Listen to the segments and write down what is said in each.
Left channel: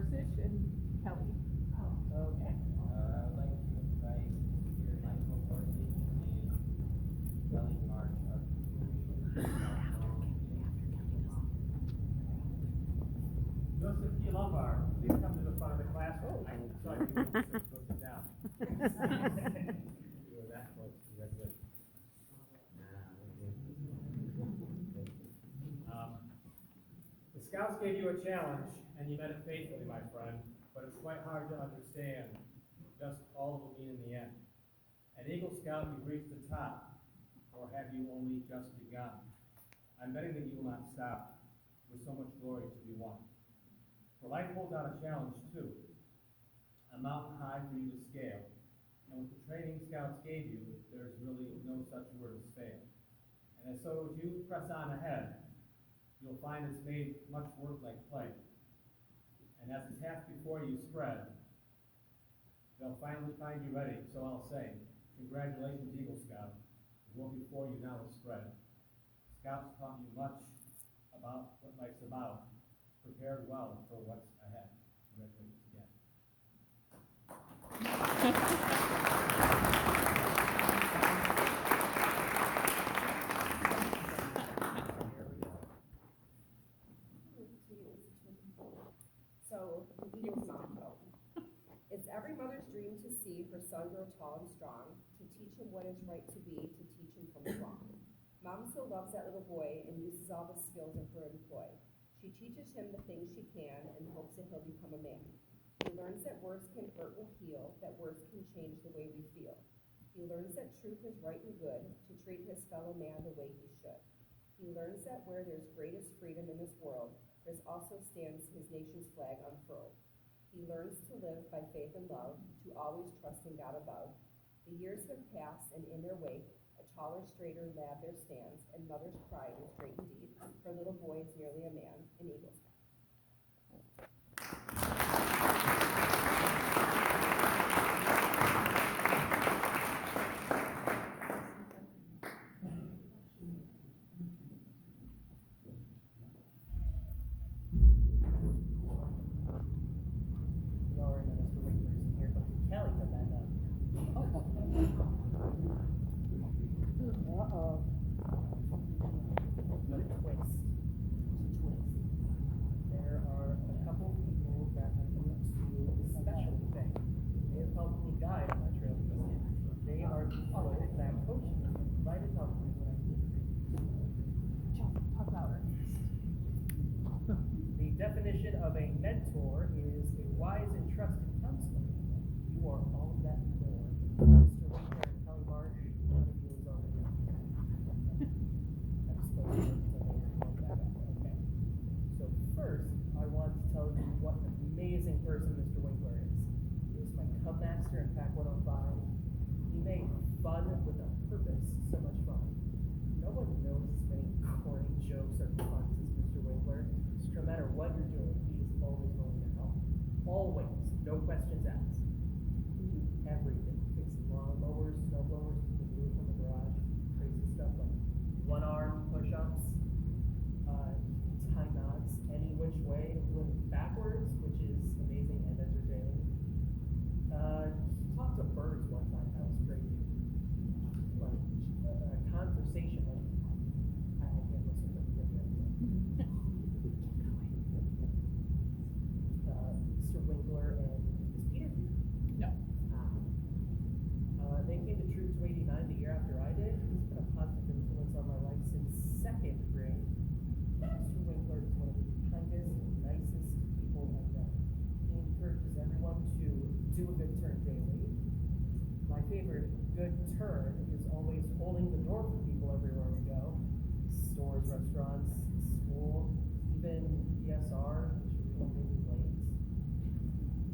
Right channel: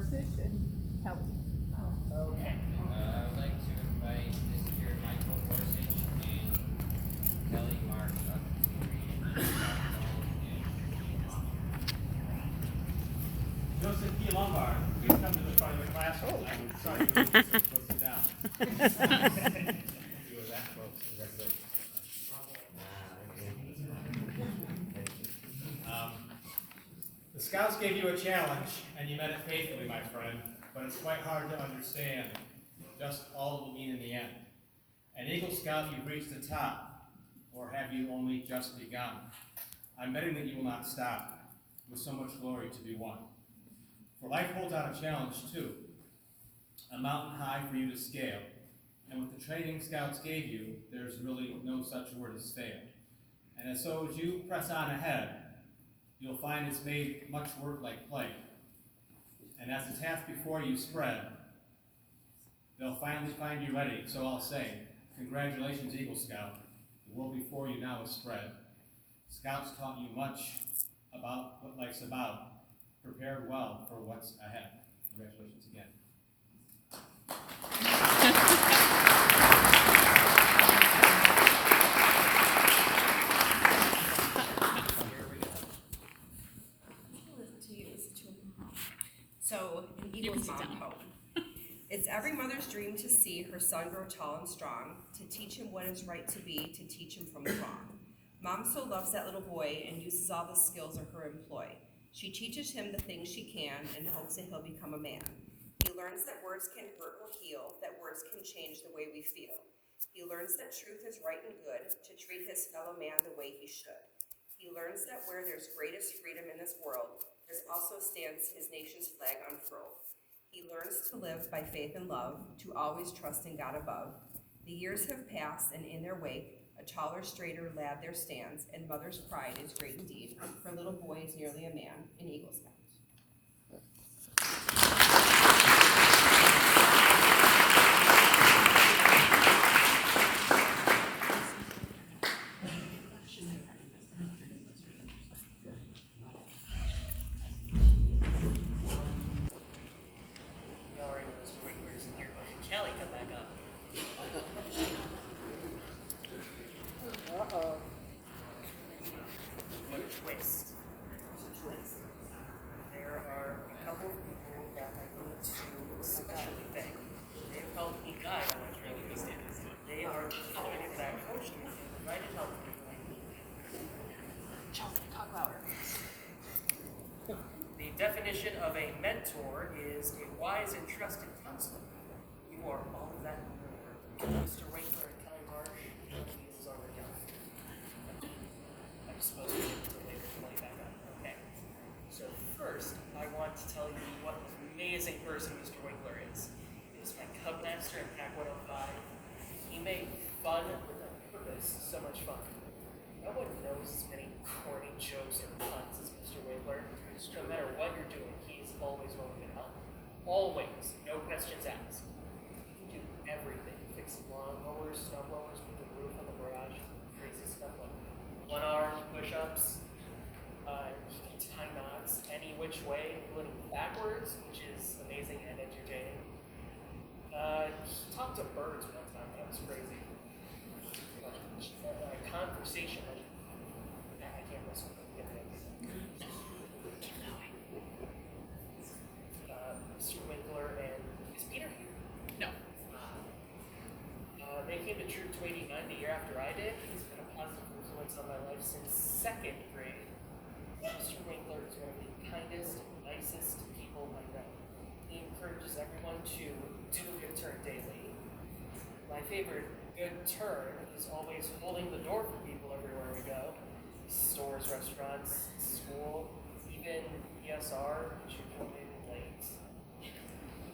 Gorsuch and Kelly. Okay. I would like to invite Mr. Michael Gorsuch and Kelly Marsh up to read. Joseph P. Lombard, please come to the front of the classroom. I'm sorry, go sit down. Do that, folks. Congratulations. The Scouts gave you a challenge, and you met it faithfully, my friend, but it's quite hard to understand just all it will mean in the end. An Eagle Scout, you've reached the top, or have you only just begun? I'm betting that you will not stop, with so much glory to be won. For life holds out a challenge too, a mountain high for you to scale, and with the training Scouts gave you, there's really no such word as fail. And so as you press on ahead, you'll find it's made much work like play. And as the task before you spread, they'll finally find you ready. So I'll say, congratulations, Eagle Scout. The world before you now is spread. Scouts taught you much about what life's about. Prepared well for what's ahead. Congratulations again. So, an Eagle's mom poem. It's every mother's dream to see her son grow tall and strong, to teach him what is right to be, to teach him from the wrong. Mom so loves that little boy and uses all the skills of her employ. She teaches him the things she can and hopes that he'll become a man. He learns that words can hurt or heal, that words can change the way we feel. He learns that truth is right and good, to treat his fellow man the way he should. He learns that where there's greatest freedom in this world, there also stands his nation's flag unfurled. He learns to live by faith and love, to always trust in God above. The years have passed, and in their wake, a taller, straighter lad there stands, and mother's pride is great indeed. Her little boy is nearly a man, an Eagle Scout. You already know Mr. Winkler's in here, but can Kelly come back up? Uh-oh. What a twist. There are a couple of people that I need to especially thank. They have helped me guide on my training these days. They are the people that coached me and provided help to me when I needed it. Chelsea, talk louder. The definition of a mentor is a wise and trusted counselor. You are all of that and more. Mr. Winkler and Kelly Marsh, one of you is already done. I'm supposed to wait until later to play that up. Okay. So first, I want to tell you what an amazing person Mr. Winkler is. He was my Cub Master in Pack 105. He made fun with a purpose so much fun. No one knows as many corny jokes or puns as Mr. Winkler. No matter what you're doing, he's always willing to help. Always. No questions asked. He can do everything. Fixing lawnmowers, snow blowers, put the roof on the garage, crazy stuff like one-arm push-ups. He can tie knots any which way, including backwards, which is amazing and entertaining. He talked to birds one time. That was crazy. Conversation. I can't listen to him. Mr. Winkler and is Peter here? No. They came to Troop 289 the year after I did. He's been a positive influence on my life since second grade. Mr. Winkler is one of the kindest, nicest people I know. He encourages everyone to do a good turn daily. My favorite good turn is always holding the door for people everywhere we go. Stores, restaurants, school, even ESR, which you come in late.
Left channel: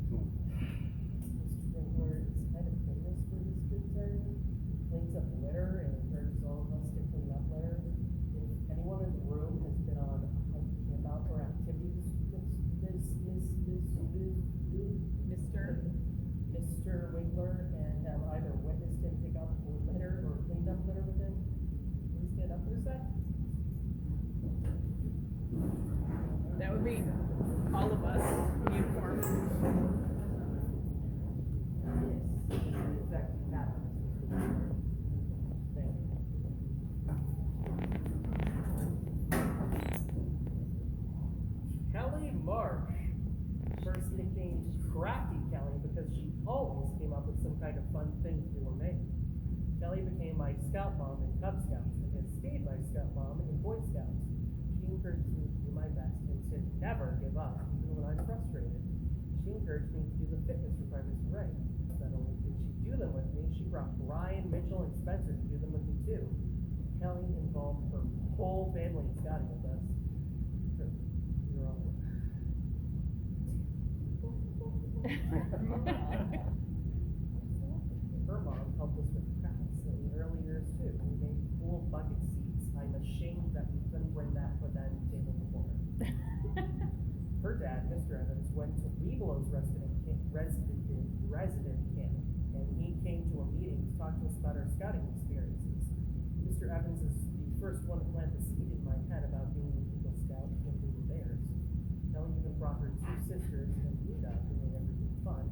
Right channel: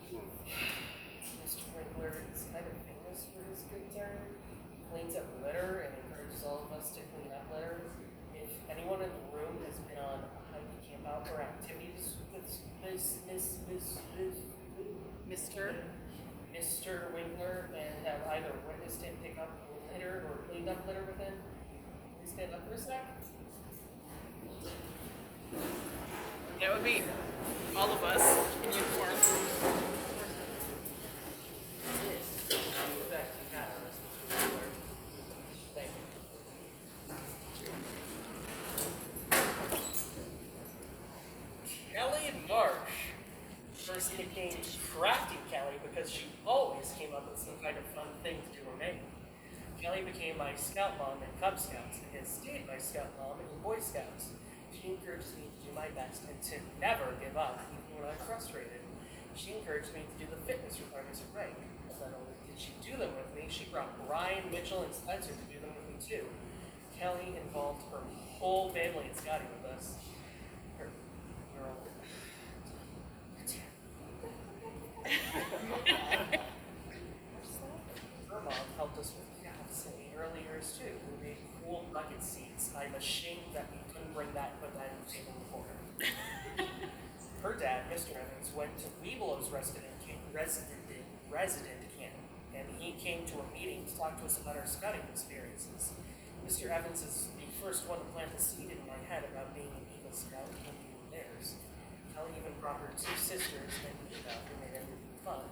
Mr. Winkler is kind of famous for his good turn. Cleans up litter and encourages all of us to clean up litter. If anyone in the room has been on a hike, camp out, or activities with Mr. Winkler and have either witnessed him pick up litter or cleaned up litter with him, please stand up for a sec. That would be all of us in uniforms. Kelly Marsh first nicknamed Crafty Kelly because she always came up with some kind of fun thing to do or make. Kelly became my scout mom in Cub Scouts and has stayed my scout mom in Boy Scouts. She encourages me to do my best and to never give up, even when I'm frustrated. She encouraged me to do the fitness requirements of rank. Not only did she do them with me, she brought Brian, Mitchell, and Spencer to do them with me too. Kelly involved her whole family in scouting with us. Her mom helped us with crafts in the early years too. We made cool bucket seats. I'm ashamed that we couldn't bring that and put that in the table before her. Her dad, Mr. Evans, went to Weebelow's resident camp, and he came to a meeting to talk to us about our scouting experiences. Mr. Evans is the first one to plant the seed in my head about being an Eagle Scout and being theirs. Kelly even brought her two sisters and Nina, who made everything fun,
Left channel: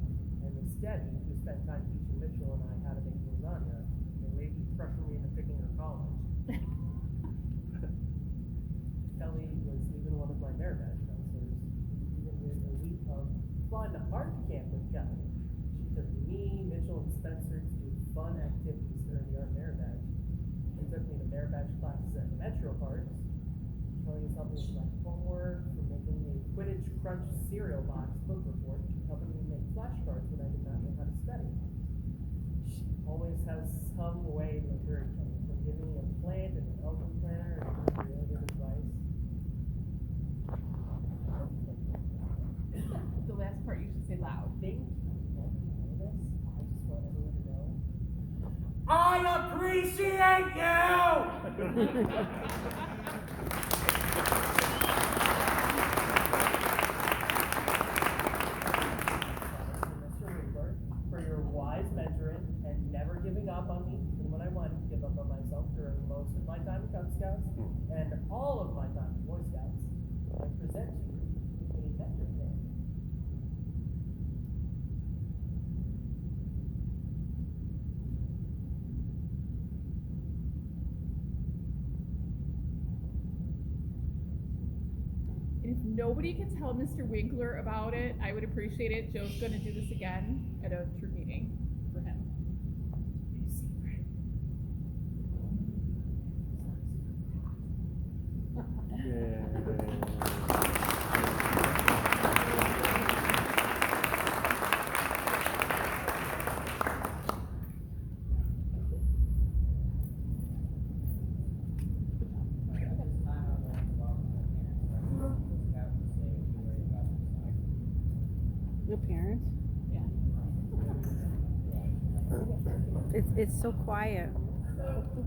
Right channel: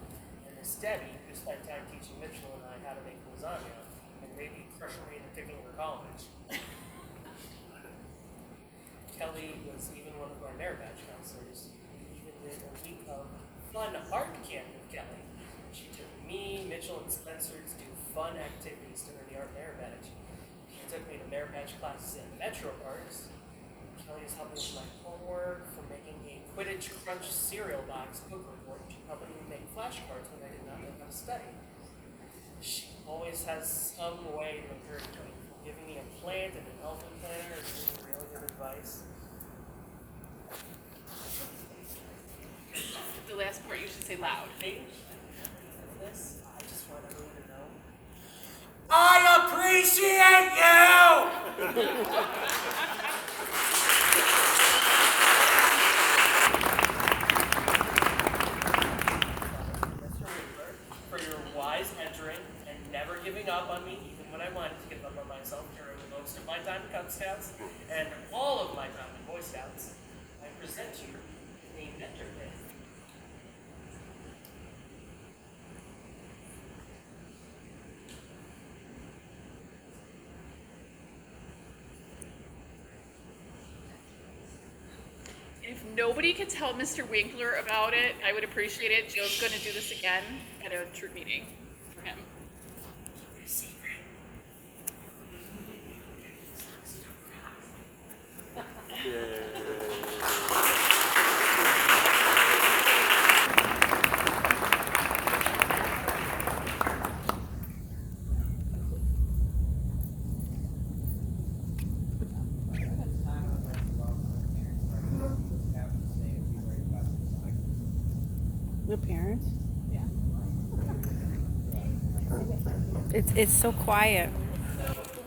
and Miss Debbie, who spent time teaching Mitchell and I how to make lasagna, and maybe pressure me into picking her college. Kelly was even one of my merit badge counselors. We even did a week of fun art camp with Kelly. She took me, Mitchell, and Spencer to do fun activities during the art merit badge. She took me to merit badge classes at Metro Parks. Kelly is helping with my homework, from making a Quidditch Crunch cereal box book report to helping me make flashcards when I did not know how to study. She always has some way to encourage me, from giving me a plant and an elephant planner and giving me really good advice. The last part you should say loud. This, I just want everyone to know. I appreciate you! Mr. Winkler, for your wise mentoring and never giving up on me, even when I wanted to give up on myself during most of my time in Cub Scouts and all of my time in Boy Scouts. I present you a mentor pin. If nobody could tell Mr. Winkler about it, I would appreciate it. Joe's going to do this again at a troop meeting for him. The parents? Yeah. It's so quiet. So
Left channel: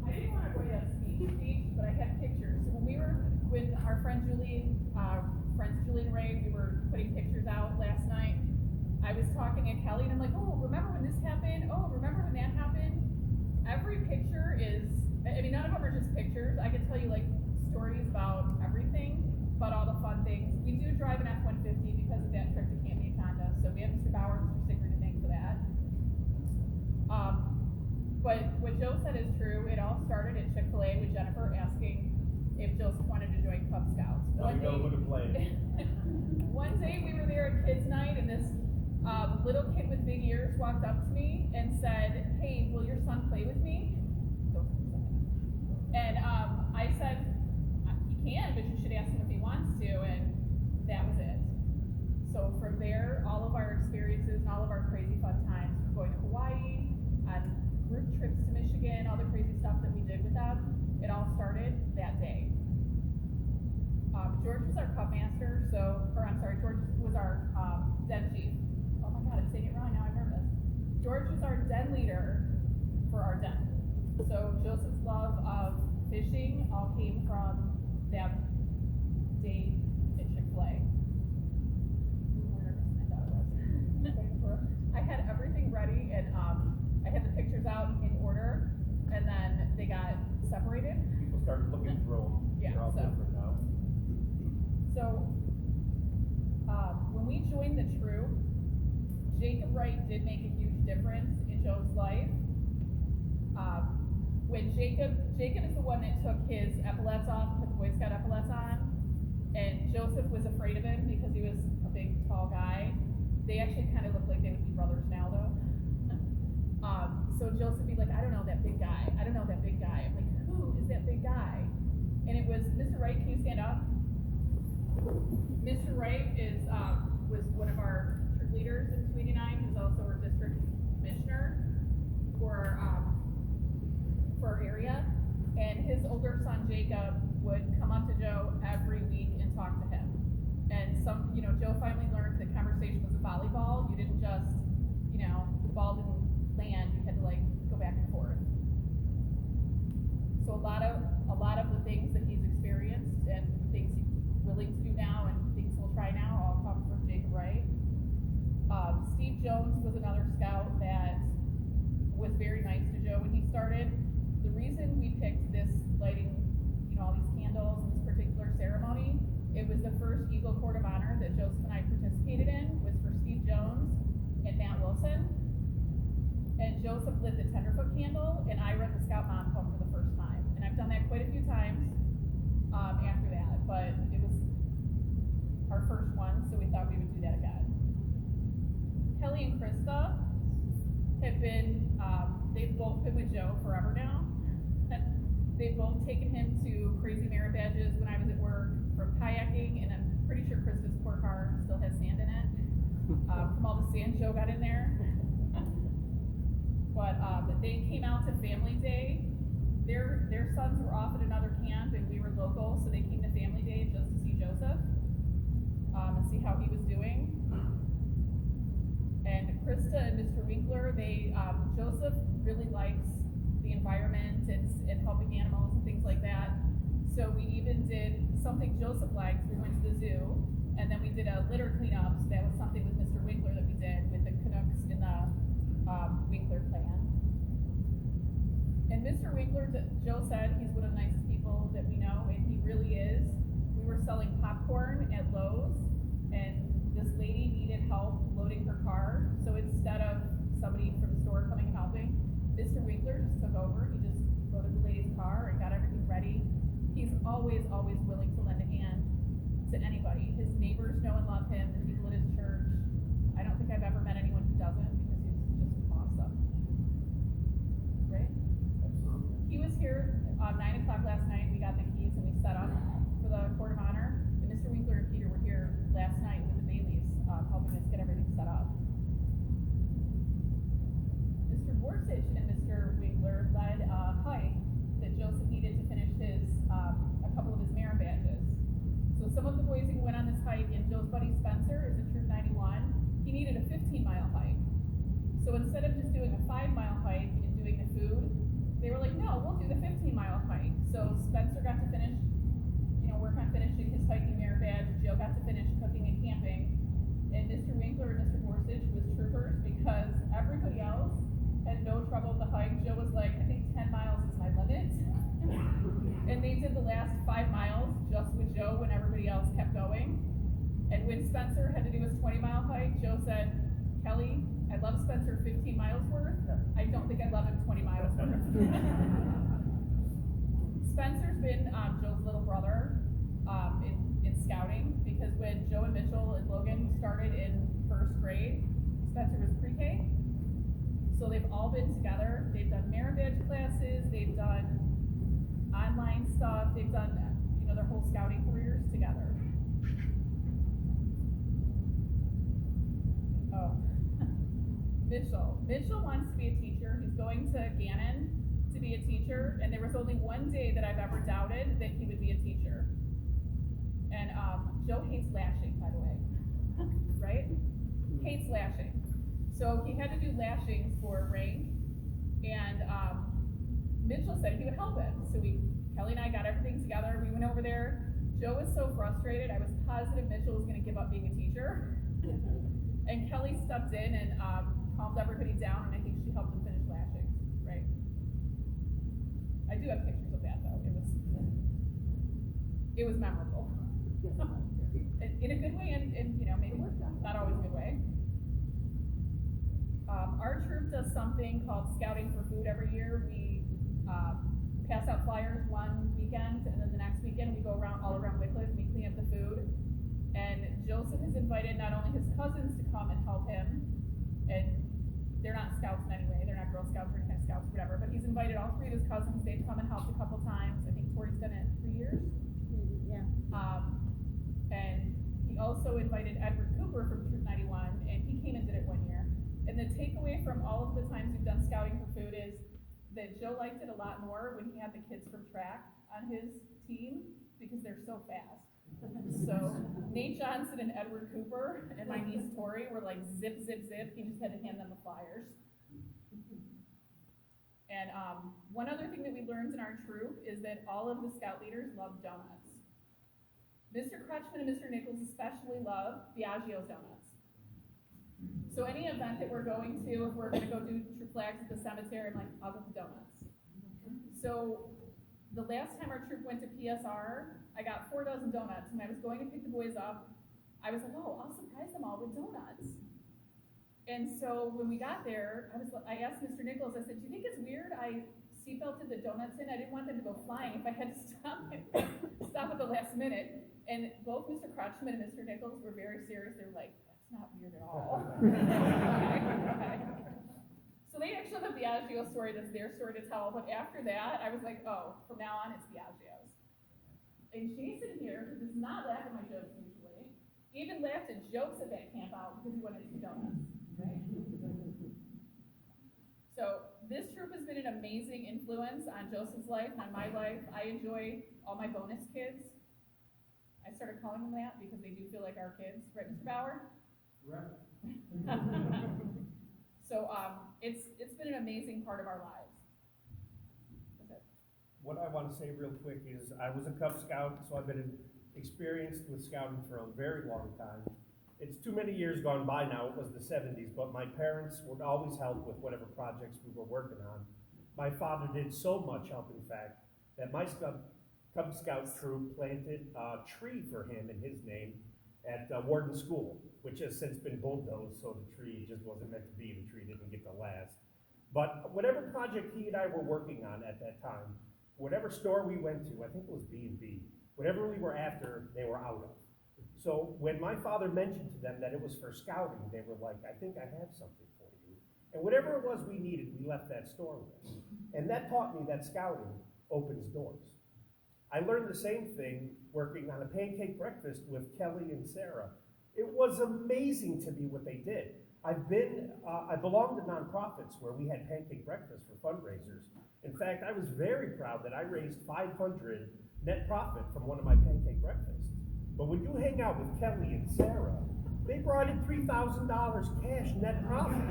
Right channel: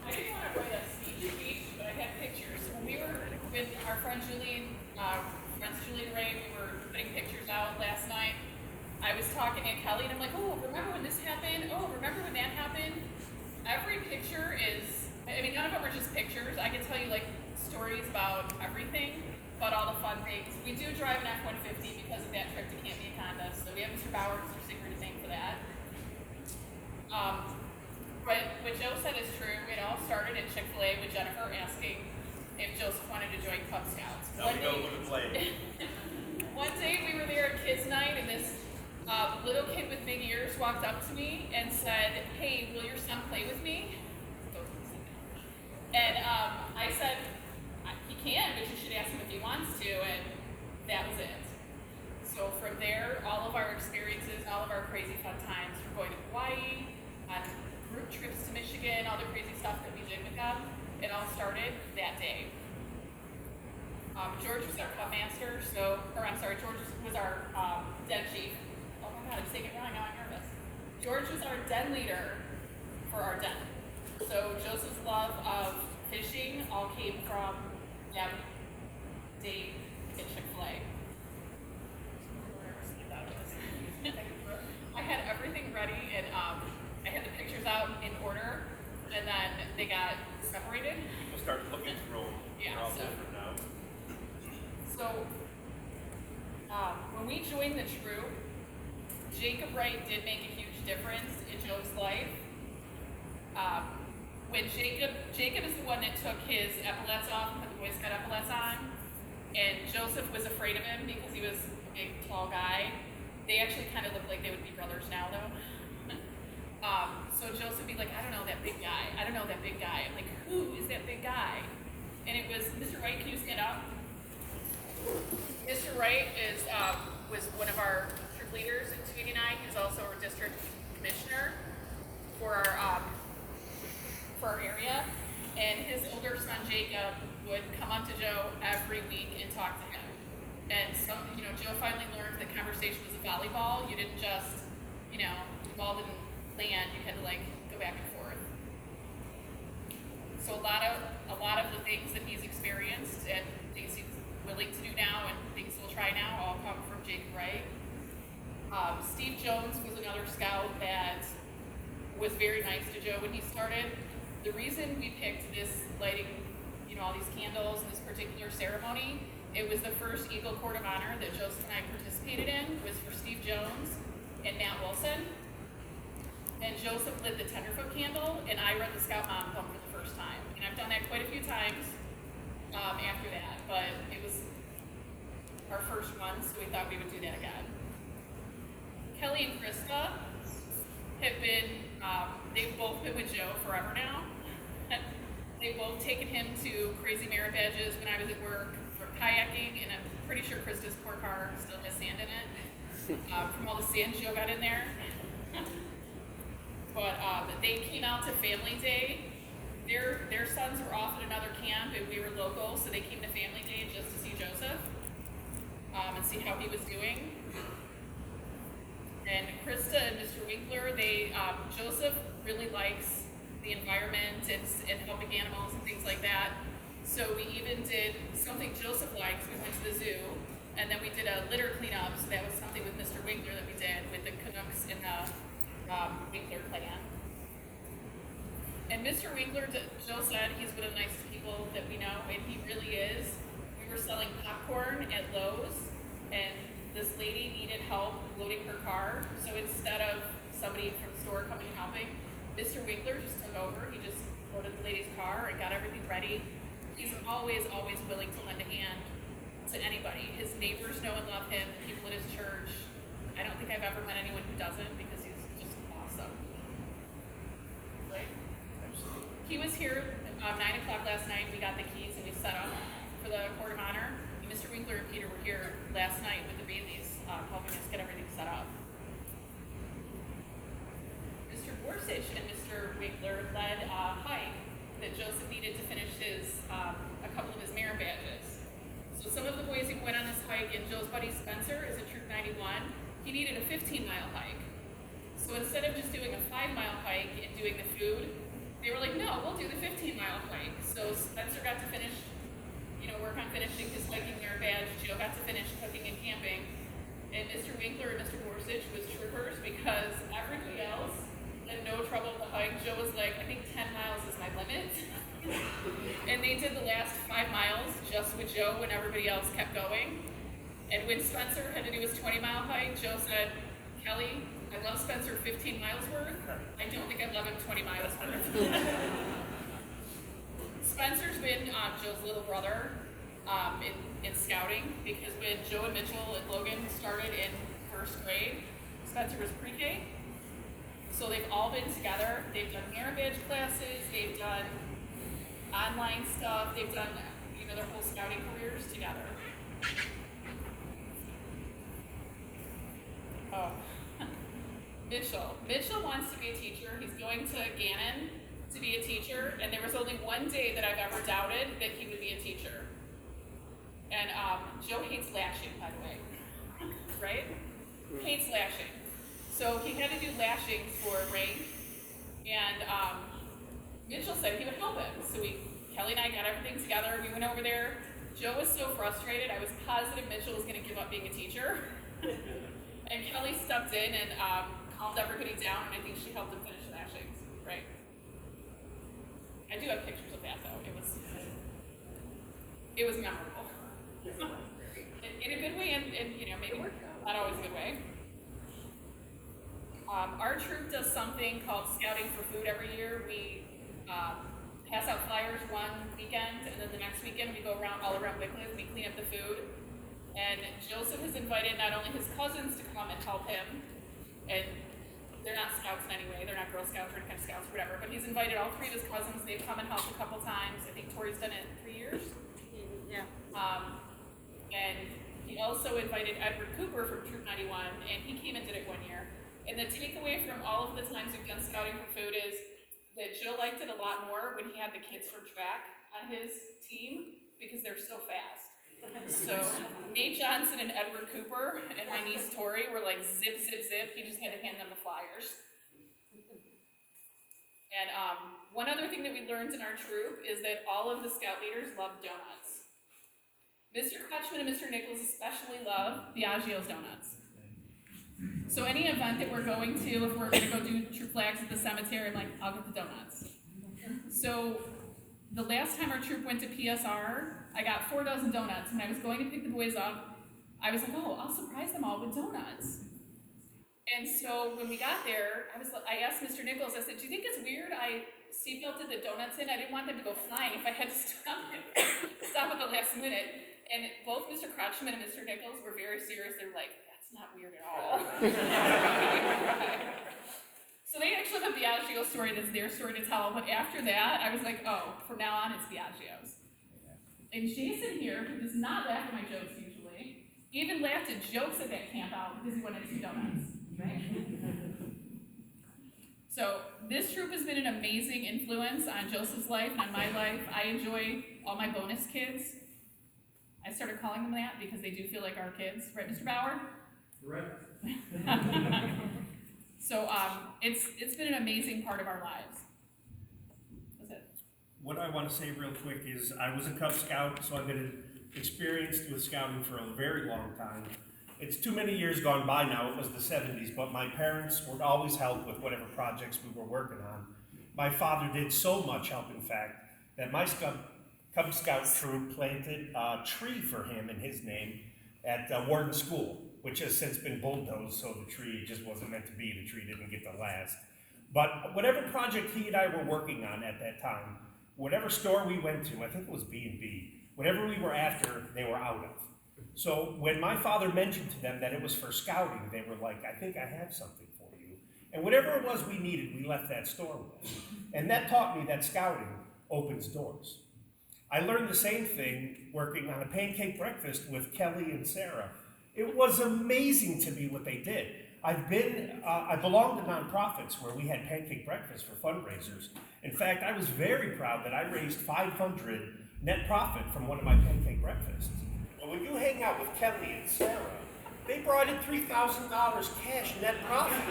I didn't want to write a speech, but I had pictures. When we were with our friend Julie and Ray, we were putting pictures out last night. I was talking to Kelly and I'm like, oh, remember when this happened? Oh, remember when that happened? Every picture is, I mean, none of them are just pictures. I can tell you like stories about everything, about all the fun things. We do drive an F-150 because of that trip to Camp Anaconda, so we have Mr. Bauer, Mr. Singer to thank for that. But what Joe said is true. It all started at Chick-fil-A with Jennifer asking if Joseph wanted to join Cub Scouts. One day we were there at kids' night, and this little kid with big ears walked up to me and said, "Hey, will your son play with me?" And I said, "He can, but you should ask him if he wants to." And that was it. So from there, all of our experiences and all of our crazy fun times, from going to Hawaii, on group trips to Michigan, all the crazy stuff that we did with them, it all started that day. George was our club master, George was our den chief. Oh my God, I'm saying it wrong, now I'm nervous. George was our den leader for our den. So Joseph's love of fishing all came from Deb, Dave, and Chick-fil-A. I had everything ready, and I had the pictures out in order, and then they got separated. We'll start looking through them. Yeah, They're all so- different now. So, when we joined the troop, Jacob Wright did make a huge difference in Joe's life. When Jacob is the one that took his epaulets off and put the Boy Scout epaulets on, and Joseph was afraid of him because he was a big, tall guy. They actually kind of look like they would be brothers now, though. So Joseph would be like, I don't know that big guy. I don't know that big guy. I'm like, who is that big guy? And it was, Mr. Wright, can you stand up? Mr. Wright was one of our troop leaders in 289. He's also our district commissioner for our area. And his older son, Jacob, would come up to Joe every week and talk to him. And Joe finally learned that conversation was a volleyball. You didn't just, the ball didn't land. You had to go back and forth. So a lot of the things that he's experienced and things he's willing to do now and things he'll try now all come from Jake Wright. Steve Jones was another scout that was very nice to Joe when he started. The reason we picked this lighting, all these candles in this particular ceremony, it was the first Eagle Court of Honor that Joseph and I participated in, was for Steve Jones and Matt Wilson. And Joseph lit the tenderfoot candle, and I read the Scout Mom poem for the first time. And I've done that quite a few times after that, but it was our first one, so we thought we would do that again. Kelly and Krista have been, they've both been with Joe forever now. They've both taken him to crazy merit badges when I was at work for kayaking, and I'm pretty sure Krista's poor car still has sand in it from all the sand Joe got in there. But they came out to Family Day. Their sons were off at another camp, and we were local, so they came to Family Day just to see Joseph and see how he was doing. And Krista and Mr. Winkler, Joseph really likes the environment and helping animals and things like that. So we even did something Joseph likes. We went to the zoo, and then we did a litter cleanup. So that was something with Mr. Winkler that we did with the Canucks in the Winkler clan. And Mr. Winkler, Joe said he's one of the nicest people that we know, and he really is. We were selling popcorn at Lowe's, and this lady needed help loading her car. So instead of somebody from the store coming and helping, Mr. Winkler just took over. He just loaded the lady's car and got everything ready. He's always willing to lend a hand to anybody. His neighbors know and love him, the people at his church. I don't think I've ever met anyone who doesn't, because he's just awesome. Right? Absolutely. He was here at 9 o'clock last night. We got the keys and we set up for the Court of Honor. And Mr. Winkler and Peter were here last night with the Baileys, helping us get everything set up. Mr. Borsich and Mr. Winkler led a hike that Joseph needed to finish a couple of his merit badges. So some of the boys who went on this hike, and Joe's buddy Spencer is in Troop 91, he needed a 15-mile hike. So instead of just doing a 5-mile hike and doing the food, they were like, no, we'll do the 15-mile hike. So Spencer got to finish, work on finishing his hiking merit badge. Joe got to finish cooking and camping. And Mr. Winkler and Mr. Borsich was troopers because everybody else had no trouble with the hike. Joe was like, I think 10 miles is my limit. And they did the last 5 miles just with Joe when everybody else kept going. And when Spencer had to do his 20-mile hike, Joe said, Kelly, I love Spencer 15 miles worth. I don't think I love him 20 miles worth. Spencer's been Joe's little brother in scouting, because when Joe and Mitchell and Logan started in first grade, Spencer was pre-K. So they've all been together. They've done merit badge classes. They've done online stuff. They've done, their whole scouting careers together. Oh, Mitchell wants to be a teacher. He's going to Gannon to be a teacher, and there was only one day that I've ever doubted that he would be a teacher. And Joe hates lashing, by the way, right? Hates lashing. So he had to do lashings for rank, and Mitchell said he would help him. So Kelly and I got everything together. We went over there. Joe was so frustrated. I was positive Mitchell was going to give up being a teacher. And Kelly stepped in and calmed everybody down, and I think she helped him finish lashings, right? I do have pictures of that, though. It was memorable. In a good way, and maybe not always a good way. Our troop does something called Scouting for Food every year. We pass out flyers one weekend, and then the next weekend we go around all around Wycliffe, we clean up the food. And Joseph has invited not only his cousins to come and help him, and they're not scouts in any way, they're not Girl Scouts or any kind of scouts or whatever, but he's invited all three of his cousins, they've come and helped a couple times. I think Tori's done it 3 years. Yeah. And he also invited Edward Cooper from Troop 91, and he came and did it 1 year. And the takeaway from all of the times we've done scouting for food is that Joe liked it a lot more when he had the kids from track on his team because they're so fast. So Nate Johnson and Edward Cooper and my niece Tori were like zip, zip, zip. He just had to hand them the flyers. And one other thing that we learned in our troop is that all of the scout leaders love donuts. Mr. Crutchman and Mr. Nichols especially love Biagio's donuts. So any event that we're going to, if we're going to go do troop flags at the cemetery, I'm like, I'll get the donuts. So the last time our troop went to PSR, I got 4 dozen donuts. When I was going to pick the boys up, I was like, oh, I'll surprise them all with donuts. And so when we got there, I asked Mr. Nichols, I said, do you think it's weird I seatbelted the donuts in? I didn't want them to go flying if I had to stop at the last minute. And both Mr. Crutchman and Mr. Nichols were very serious. They were like, that's not weird at all. So they actually have a Biagio story that's their story to tell, but after that, I was like, oh, from now on, it's Biagio's. And Jason here, who does not laugh at my jokes usually, even laughed at jokes at that camp out because he wanted 2 donuts, right? So this troop has been an amazing influence on Joseph's life and on my life. I enjoy all my bonus kids. I started calling them that because they do feel like our kids, right, Mr. Bauer? Right. So it's been an amazing part of our lives. That's it. What I want to say real quick is I was a Cub Scout, so I've been experienced with scouting for a very long time. It's too many years gone by now, it was the 70s, but my parents would always help with whatever projects we were working on. My father did so much help, in fact, that my Cub Scout troop planted a tree for him in his name at Warden School, which has since been bulldozed, so the tree just wasn't meant to be. The tree didn't get to last. But whatever project he and I were working on at that time, whatever store we went to, I think it was B&B, whatever we were after, they were out of. So when my father mentioned to them that it was for scouting, they were like, I think I have something for you. And whatever it was we needed, we left that store with. And that taught me that scouting opens doors. I learned the same thing working on a pancake breakfast with Kelly and Sarah. It was amazing to me what they did. I belong to nonprofits where we had pancake breakfast for fundraisers. In fact, I was very proud that I raised $500 net profit from one of my pancake breakfasts. But when you hang out with Kelly and Sarah, they brought in $3,000 cash net profit.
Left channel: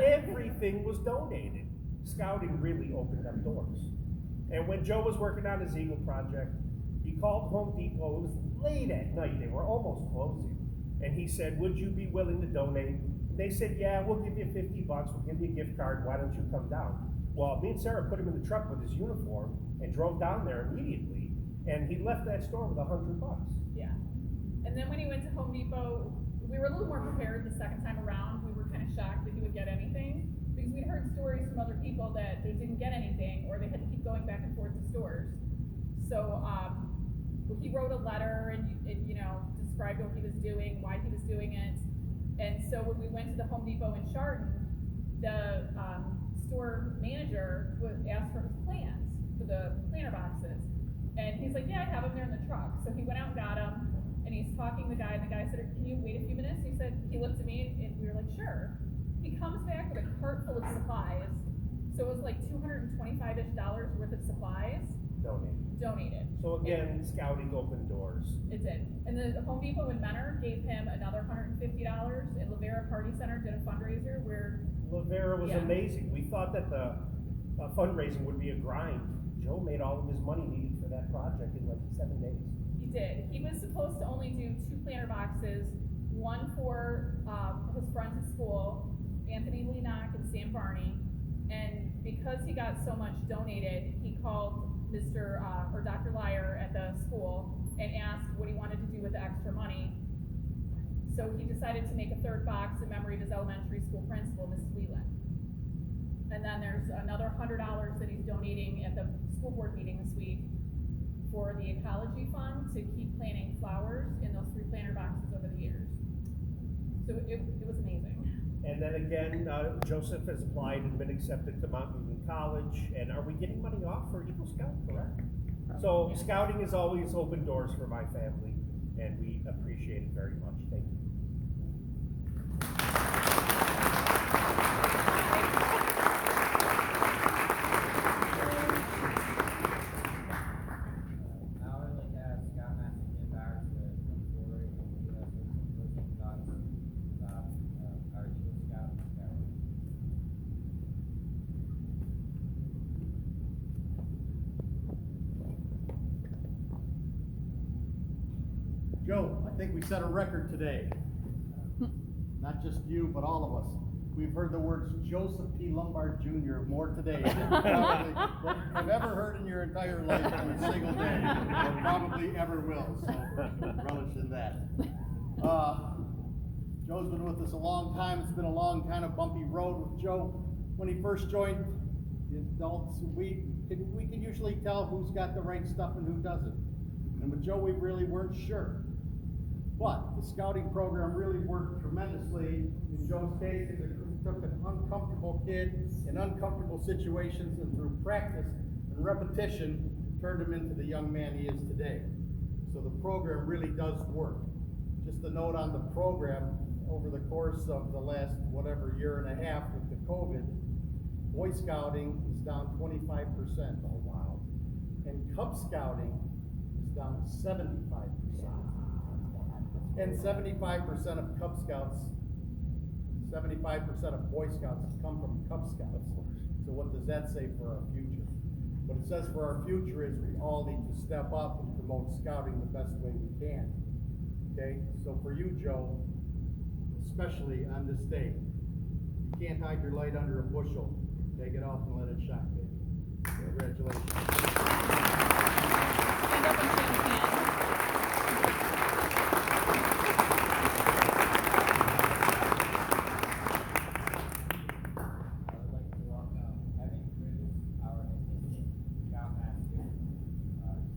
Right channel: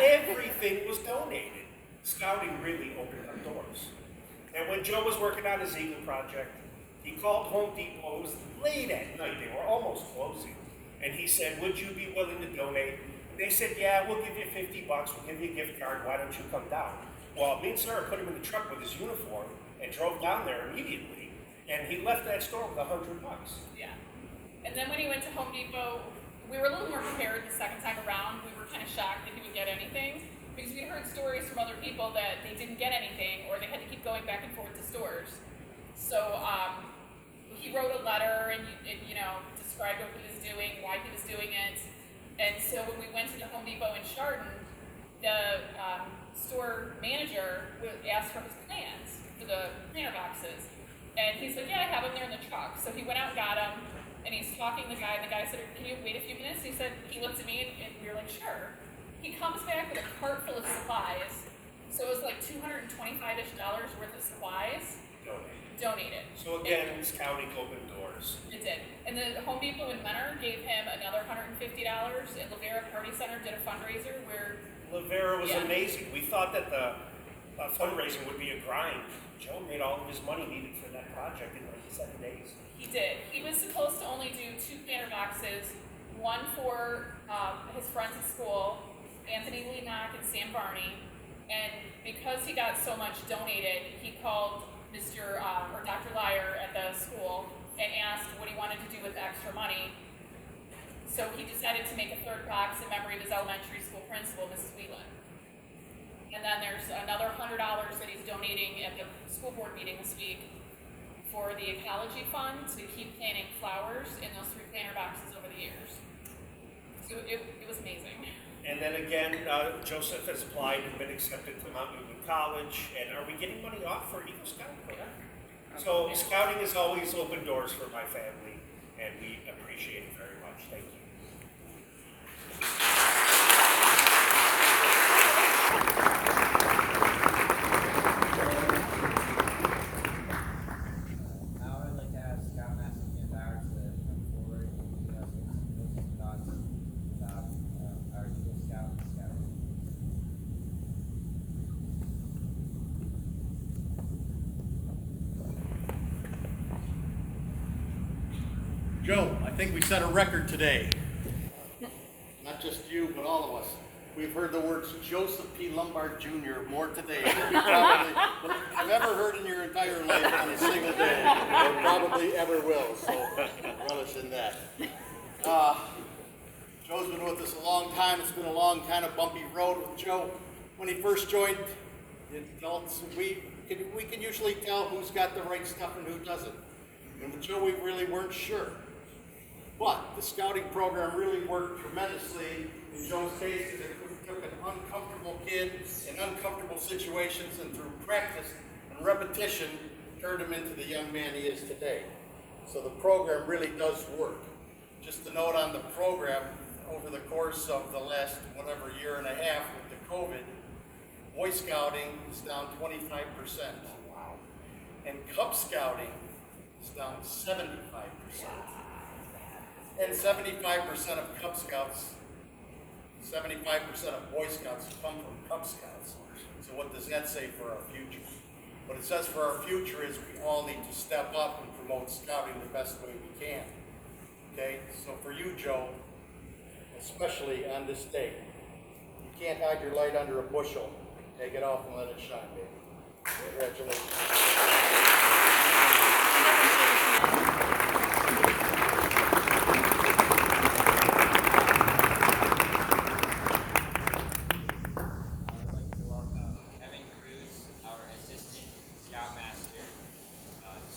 Everything was donated. Scouting really opened up doors. And when Joe was working on his Eagle project, he called Home Depot. It was late at night. They were almost closing. And he said, would you be willing to donate? And they said, yeah, we'll give you $50. We'll give you a gift card. Why don't you come down? Well, me and Sarah put him in the truck with his uniform and drove down there immediately. And he left that store with $100. Yeah. And then when he went to Home Depot, we were a little more prepared the second time around. We were kind of shocked that he would get anything because we heard stories from other people that they didn't get anything or they had to keep going back and forth to stores. So he wrote a letter and described what he was doing, why he was doing it. And so when we went to the Home Depot in Chardon, the store manager asked for his plans for the planter boxes. And he's like, yeah, I have them there in the truck. So he went out and got them, and he's talking to the guy, and the guy said, can you wait a few minutes? He said, he looked at me, and we were like, sure. He comes back with a cart full of supplies. So it was like $225-ish worth of supplies donated. So again, scouting opened doors. It did. And the Home Depot in Menor gave him another $150, and Lavera Party Center did a fundraiser where... Lavera was amazing. We thought that the fundraising would be a grind. Joe made all of his money needed for that project in like 7 days. He did. He was supposed to only do 2 planter boxes, one for his friends at school, Anthony Leenock and Sam Barney. And because he got so much donated, he called Dr. Lyer at the school and asked what he wanted to do with the extra money. So he decided to make a 3rd box in memory of his elementary school principal, Mrs. Whelan. And then there's another $100 that he's donating at the school board meeting this week for the ecology fund to keep planting flowers in those 3 planter boxes over the years. So it was amazing. And then again, Joseph has applied and been accepted to Mount Newton College. And are we getting money off for Eagle Scout? So scouting has always opened doors for my family, and we appreciate it very much. Thank you. Now I'd like to ask Scoutmaster Jim Bauer to come forward and give us some thoughts about our Eagle Scout and Scouting. Joe, I think we set a record today. Not just you, but all of us. We've heard the words Joseph P. Lombard Jr. more today than you probably have ever heard in your entire life on a single day, or probably ever will, so relish in that. Joe's been with us a long time. It's been a long, kind of bumpy road with Joe. When he first joined the adults, we can usually tell who's got the right stuff and who doesn't. And with Joe, we really weren't sure. But the scouting program really worked tremendously. In Joe's case, it took an uncomfortable kid in uncomfortable situations, and through practice and repetition, turned him into the young man he is today. So the program really does work. Just a note on the program, over the course of the last year and a half with the COVID, Boy Scouting is down 25%. Oh, wow. And Cub Scouting is down 75%. And 75% of Cub Scouts, 75% of Boy Scouts come from Cub Scouts. So what does that say for our future? What it says for our future is we all need to step up and promote scouting the best way we can. Okay, so for you, Joe, especially on this day, you can't hide your light under a bushel. Take it off and let it shine, baby. Congratulations. I would like to welcome Kevin Cruz, our assistant scoutmaster,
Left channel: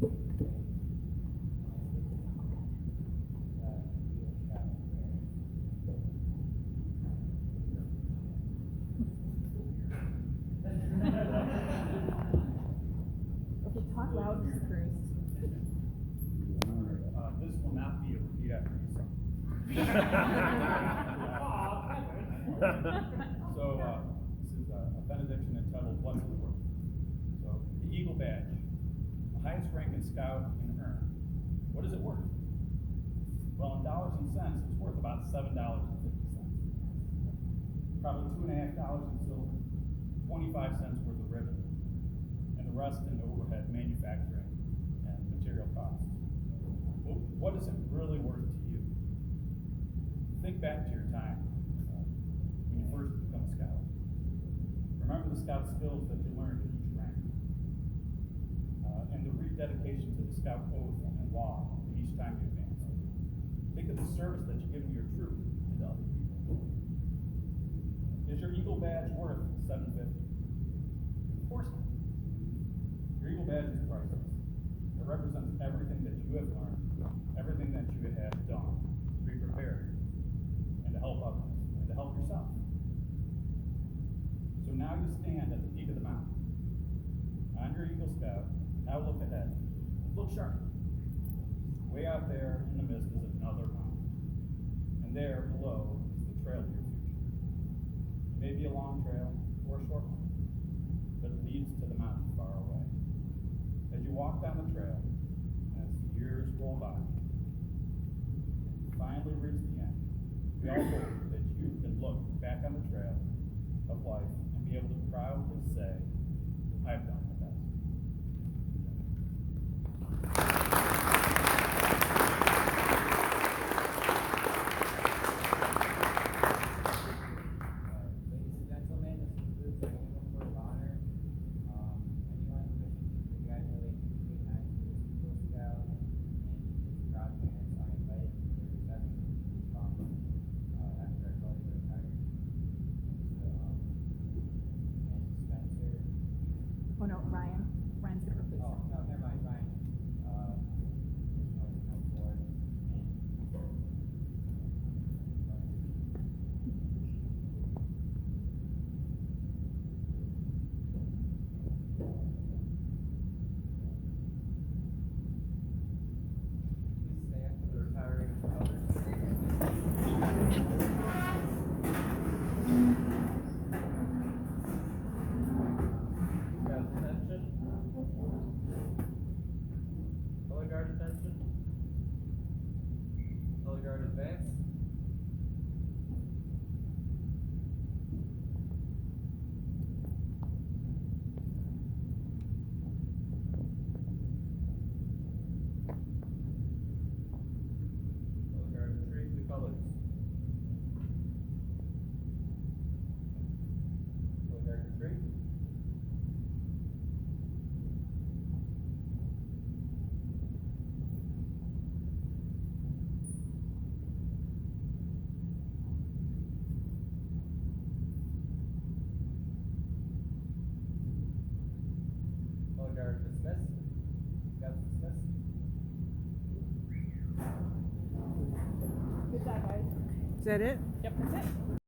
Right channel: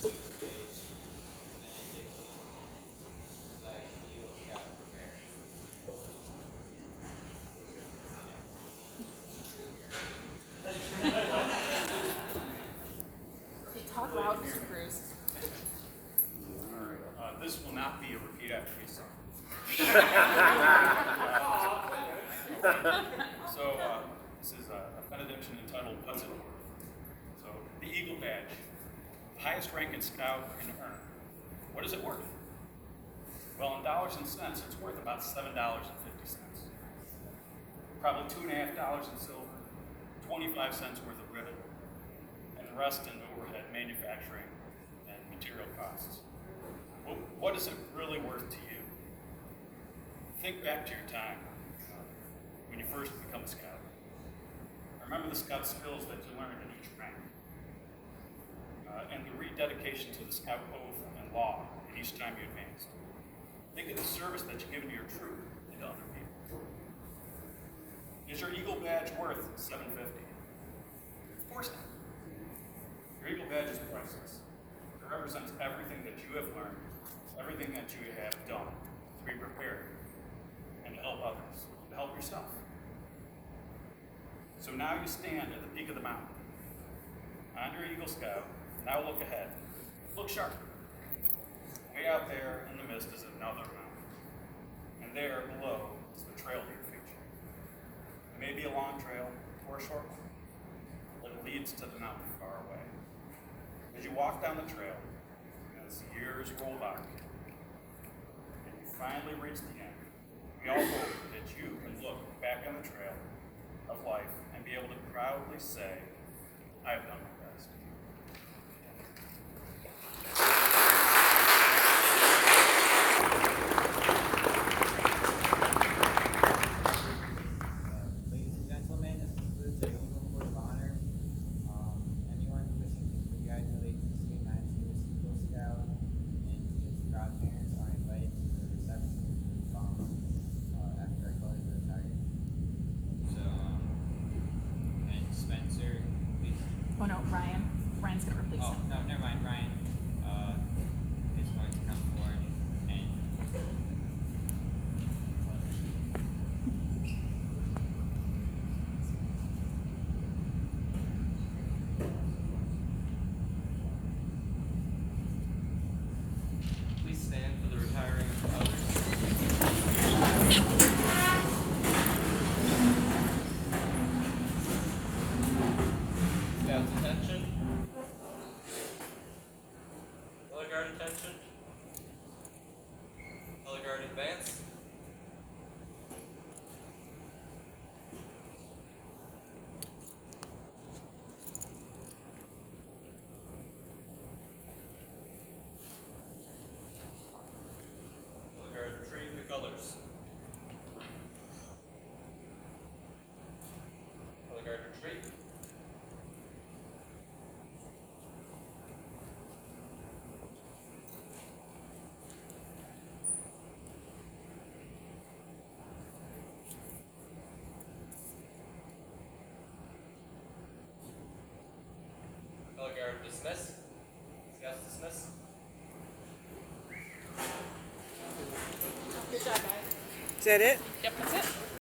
to the stage, and the Eagle Scout Prepare. Okay, talk loud, Mr. Cruz. This will not be a repeat after me song. So, this is a benediction entitled What's It Worth? So, the Eagle Badge, the highest ranking scout can earn. What is it worth? Well, in dollars and cents, it's worth about $7.50. Probably $2.50 in silver, 25 cents worth of ribbon, and the rest in overhead manufacturing and material costs. Well, what is it really worth to you? Think back to your time when you first become a scout. Remember the scout skills that you learned in each rank, and the rededication to the scout oath and law in each time you advance. Think of the service that you give to your troop and to other people. Is your Eagle Badge worth $7.50? Of course not. Your Eagle Badge is priceless. It represents everything that you have learned, everything that you have done to be prepared and to help others, to help yourself. So now you stand at the peak of the mountain. On your Eagle Scout, now look ahead. Look sharp. Way out there in the mist is another mountain. And there below is the trail to your future. It may be a long trail or a short one, but it leads to the mountain far away. As you walk down the trail, as the years roll by, and you finally reach the end, we all hope that you can look back on the trail of life and be able to proudly say, I have done my best. Ladies and gentlemen, this concludes the Eagle Court of Honor. Anyone wishing to congratulate the United States Eagle Scout and his godparents are invited to the reception after our colors are retired. So, and that it? Yep, that's it.